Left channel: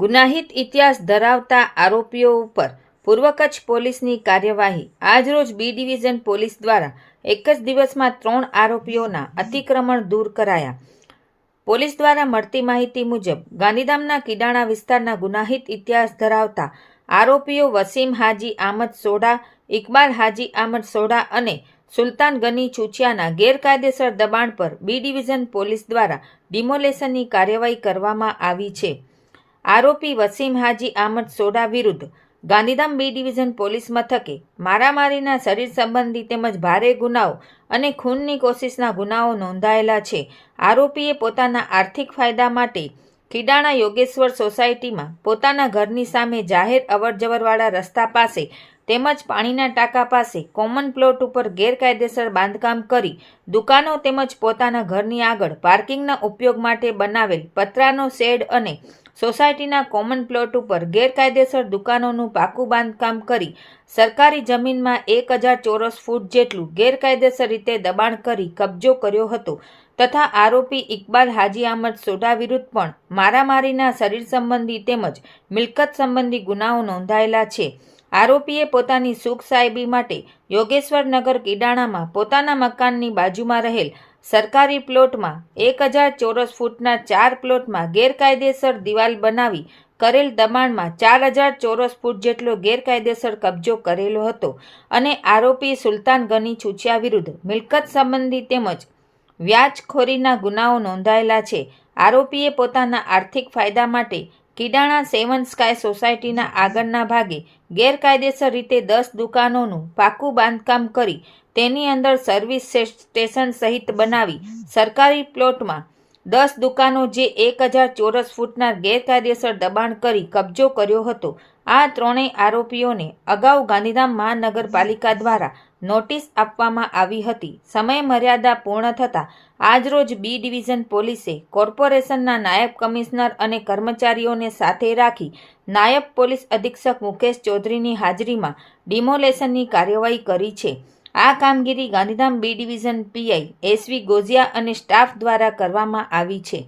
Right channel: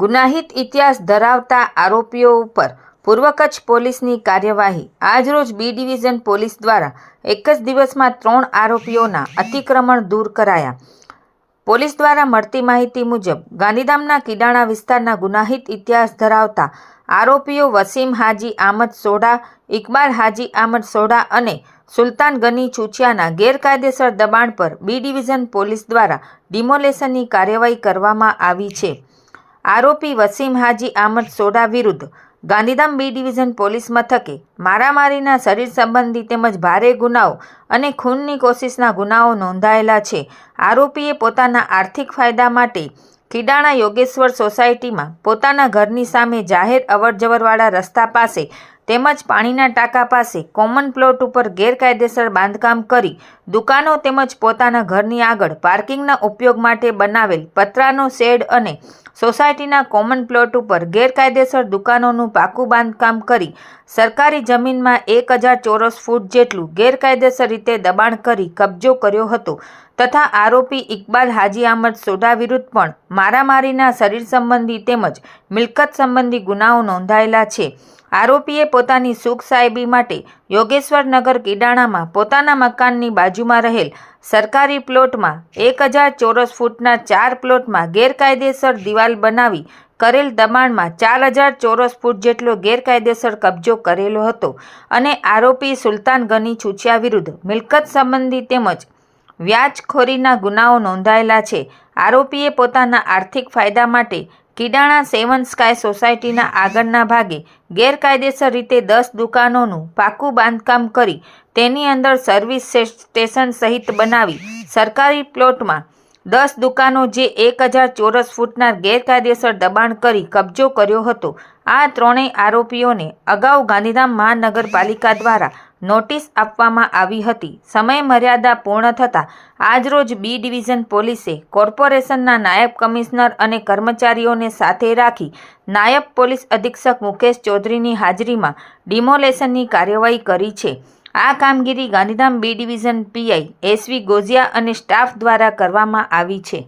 ગુનાહિત ઇતિહાસ ધરાવતા આરોપીઓ ઉપર પૂર્વ કચ્છ પોલીસની કાર્યવાહી. આજરોજ બી ડિવિઝન પોલીસ દ્વારા એક જ દિવસમાં ત્રણ આરોપીઓના અતિક્રમણ દૂર કરાયા. પોલીસ દ્વારા મળતી માહિતી મુજબ, ગાંધીધામના કિડાણા વિસ્તારના ગુનાહિત ઇતિહાસ ધરાવતા આરોપીઓ વસીમ હાજી આમદ સોડા ઇકબાલ હાજી આમદ સોડા અને સુલતાન ગની ચૂચિયાના ગેરકાયદેસર દબાણ પર બી ડિવિઝન પોલીસ દ્વારા ડિમોલેશનની કાર્યવાહી કરવામાં આવી છે. આરોપી વસીમ હાજી આમદ સોડા વિરુદ્ધ ગાંધીધામ બી ડિવિઝન પોલીસ મથકે મારામારીના શરીર સંબંધી તેમજ ભારે ગુનાઓ અને ખૂનની કોશિશના ગુનાઓ નોંધાયેલા છે. આરોપીએ પોતાના આર્થિક ફાયદા માટે કિડાણા યોગેશ્વર સોસાયટીમાં પોતાના ઘરની સામે જાહેર અવરજવરવાળા રસ્તા પાસે તેમજ પાણીના ટાંકા પાસે કોમન પ્લોટ ઉપર ગેરકાયદેસર બાંધકામ કરી દુકાનો તેમજ પોતાના ઘરની આગળ પાર્કિંગના ઉપયોગ માટે બનાવેલ પતરાનો શેડ અને સોસાયટીના કોમન પ્લોટ ઉપર ગેરકાયદેસર દુકાનોનું પાકું બાંધકામ કરી સરકારી જમીનમાં એક હજાર ચોરસ ફૂટ જેટલું ગેરકાયદેસર રીતે દબાણ કરી કબજો કર્યો હતો. તથા આરોપી ઇકબાલ હાજી અહમદ સોઢા વિરુદ્ધ પણ મારામારીના શરીર સંબંધી તેમજ મિલકત સંબંધી ગુનાઓ નોંધાયેલા છે. આરોપીએ પોતાની સુખ સાહેબી માટે યોગેશ્વર નગર કિડાણામાં પોતાના મકાનની બાજુમાં રહેલ સરકારી પ્લોટમાં એક હજાર ચોરસ ફૂટના ચાર પ્લોટમાં ગેરકાયદેસર દિવાલ બનાવી કરેલ દબાણમાં ચાર હજાર ચોરસ ફૂટ જેટલો ગેરકાયદેસર કબજો કરેલો હતો અને આરોપી સુલતાન ગની છુચિયા વિરુદ્ધ મિલકત સંબંધી તેમજ વ્યાજખોરીના ગુનાઓ નોંધાયેલા છે. આરોપીએ પોતાના આર્થિક ફાયદા માટે કિડાણા સેવન સ્કાય સોસાયટીના આગળના ભાગે ગેરકાયદેસર રીતે દસ દુકાનોનું પાકું બાંધકામ કરી તેની અંદર સર્વિસ સ્ટેશન સહિત બનાવી સરકારી પ્લોટમાં દસ દુકાનો જે એક હજાર ચોરસ ફૂટના ગેરકાયદેસર દબાણ કરી કબજો કર્યો હતો. આ ત્રણેય આરોપીઓને અગાઉ ગાંધીધામ મહાનગરપાલિકા દ્વારા નોટિસ આપવામાં આવી હતી. સમય મર્યાદા પૂર્ણ થતાં આજરોજ બી ડિવિઝન પોલીસે કોર્પોરેશનના નાયબ કમિશનર અને કર્મચારીઓને સાથે રાખી નાયબ પોલીસ અધિક્ષક મુકેશ ચૌધરીની હાજરીમાં ડિમોલેશનની કાર્યવાહી કરી છે. આ કામગીરી Gandhidham B division PI SV Gozia અને સ્ટાફ દ્વારા કરવામાં આવી છે.